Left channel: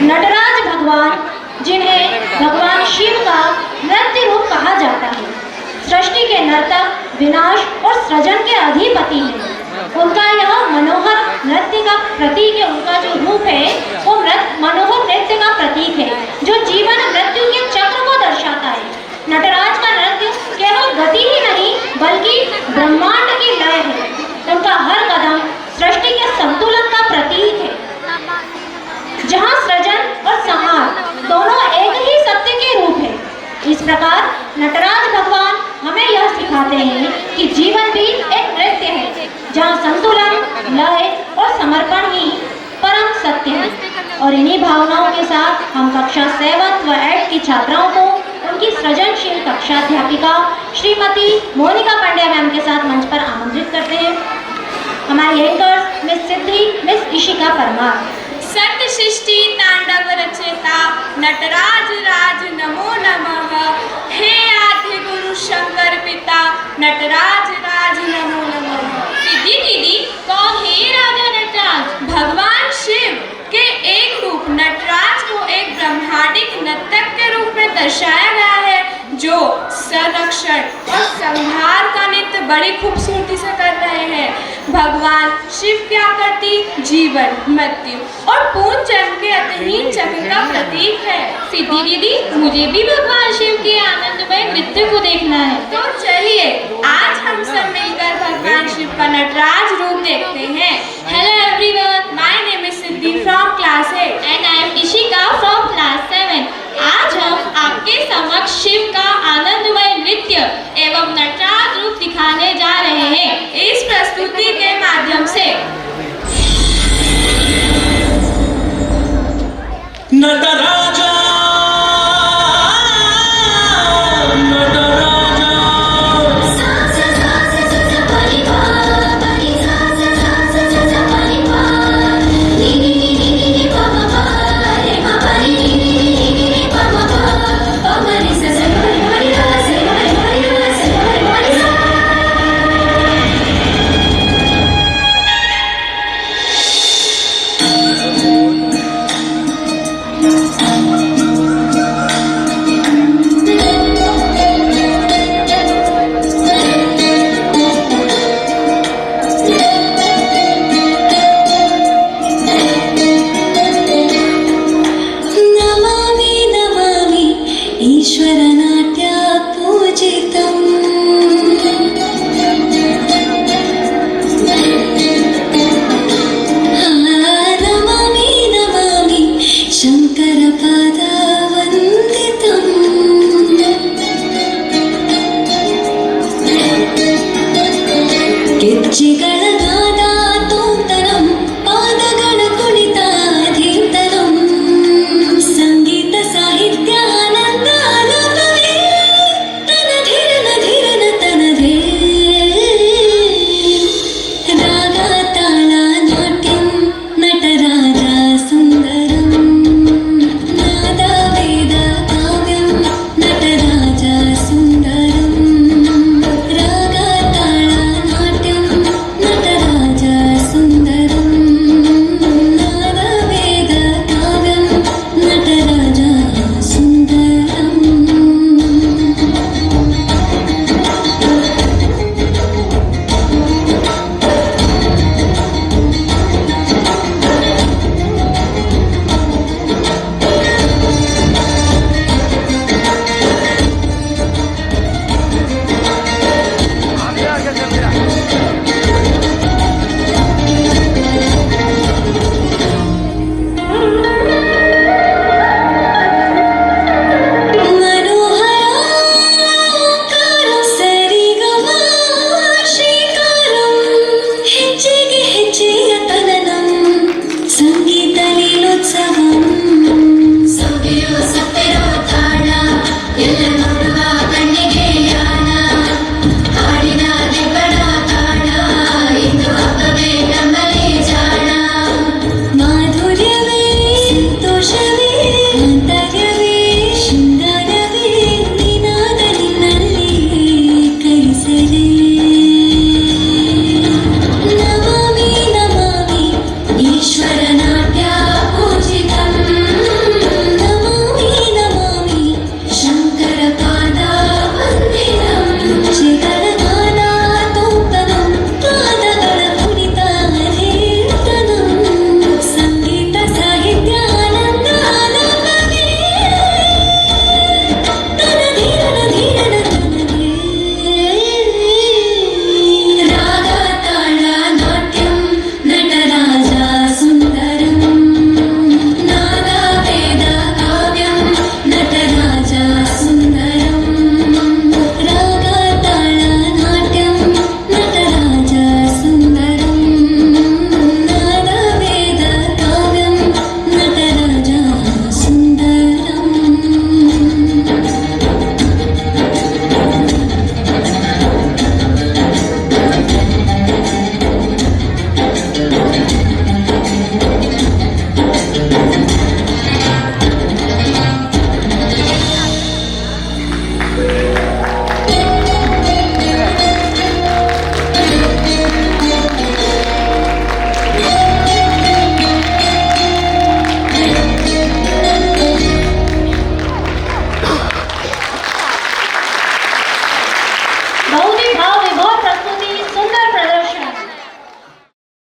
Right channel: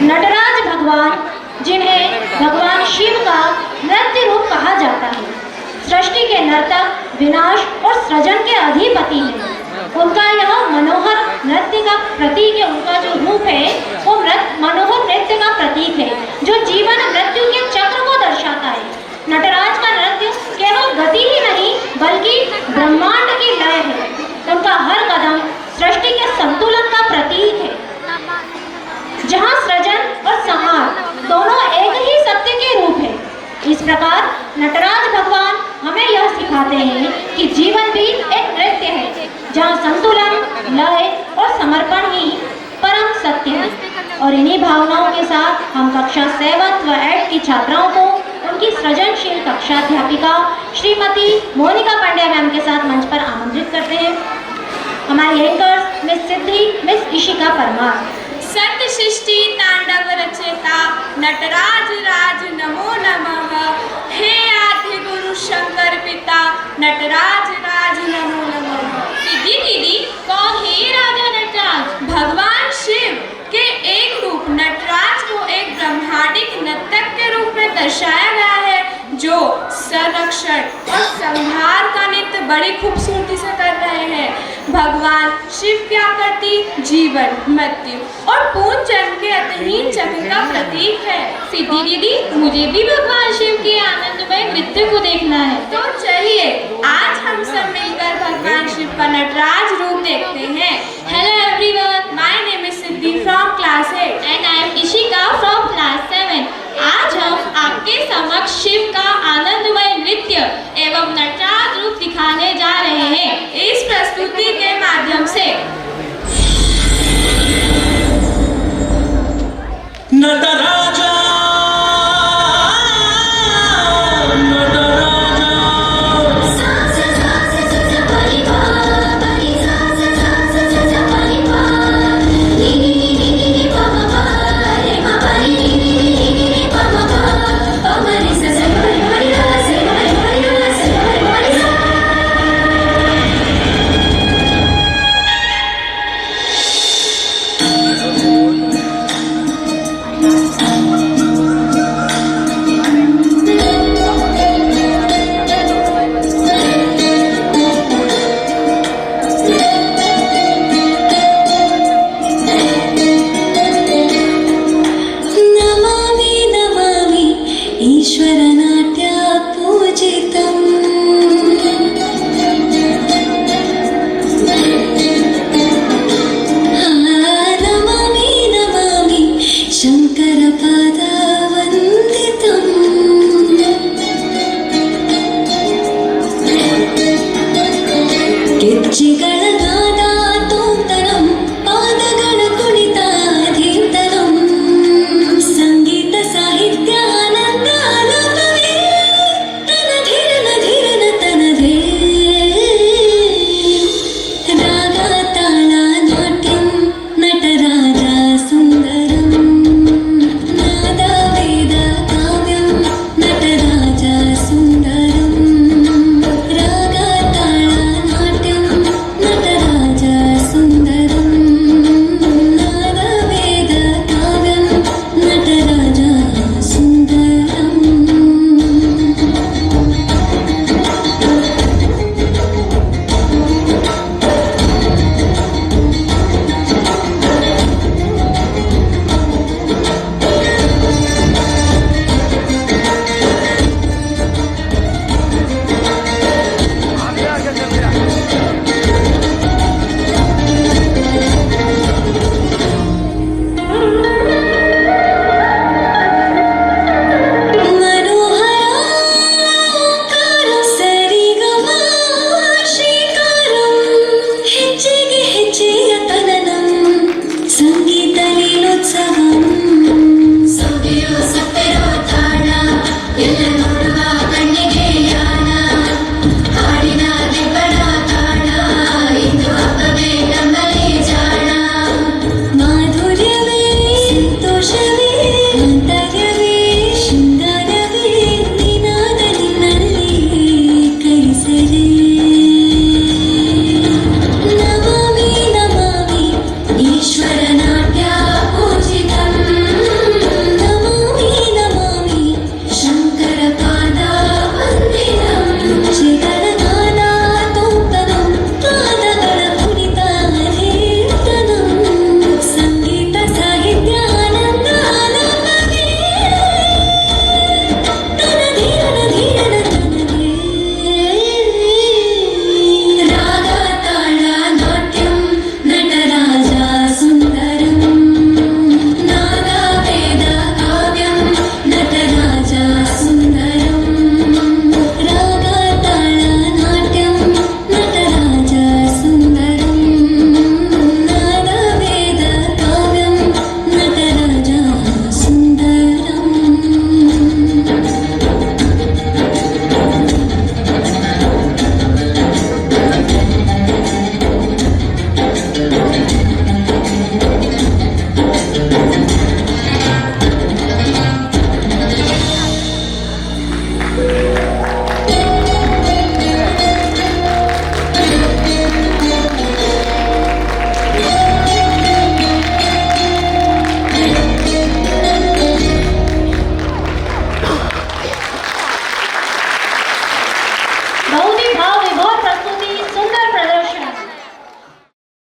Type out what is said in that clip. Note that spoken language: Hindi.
नटराज भगवान, जिन्हें भगवान शिव का नृत्य रूप कहा जाता है, सृष्टि के नर्तक, विनाश और सृजन के अधिपति हैं। उनका यह मनोहर नृत्य का प्रतीक है, उनका जो रूप है वो मनोहर नृत्य का प्रतीक है, जो जीवन मृत्यु के चक्र को दर्शाता है। नटराज का नृत्य केवल गति ही नहीं बल्कि ब्रह्मांड की लय है। उनका हर कदम सृष्टि के संतुलन का प्रतीक है, जहाँ सृजन और संहार दोनों एक ही सत्य के रूप है। इस प्रकार नटराज भगवान हमें यह सिखाते हैं कि जीवन भी एक नृत्य है, जहाँ संतुलन, लय और समर्पण ही परम सत्य है। और इन्हीं भावनाओं के साथ हम कक्षा 7 व 8 की छात्राओं को उनकी सृजनशील कक्षाध्यापिका श्रीमती मोनिका पांड्या मैम के साथ मंच पर आमंत्रित करते हैं। हमारी एंकर्स मिस सिद्धि, मिस इशिका परमार। सत्य सृष्टि तांडव रचेता नटराज राज नमो नमः। हे आद्य गुरु शंकर पिता नटराज राज नमो नमः। सिद्धि दीदी, कौन है राजा नटराज? भगवान शिव के एक रूप नटराज को एक ब्रह्मांडिक नर्तक के रूप में दर्शाया गया है, जो संरक्षण और संहार का नृत्य बड़ी खूबसूरती से कर रहे हैं। भगवान शिव की आकृति जीवन, मृत्यु और पूर्ण जन्म के अतहीन चक्र का प्रतीक है। सिद्धि दीदी, मुझे भी भगवान शिव के आनंदमय नृत्य को देखना है। तो चलिए आज हम सब मिलकर भगवान शिव का नटराज रूप देखते हैं। Hello everyone, my name is Siddhi from class 8 and I am Ishika from class 7। आज हम आपके समक्ष शिव का आनंदमय नृत्य एवं नटराज रूप दिखाने जा रहे हैं। इस प्रस्तुति के माध्यम से नटराजा शंकर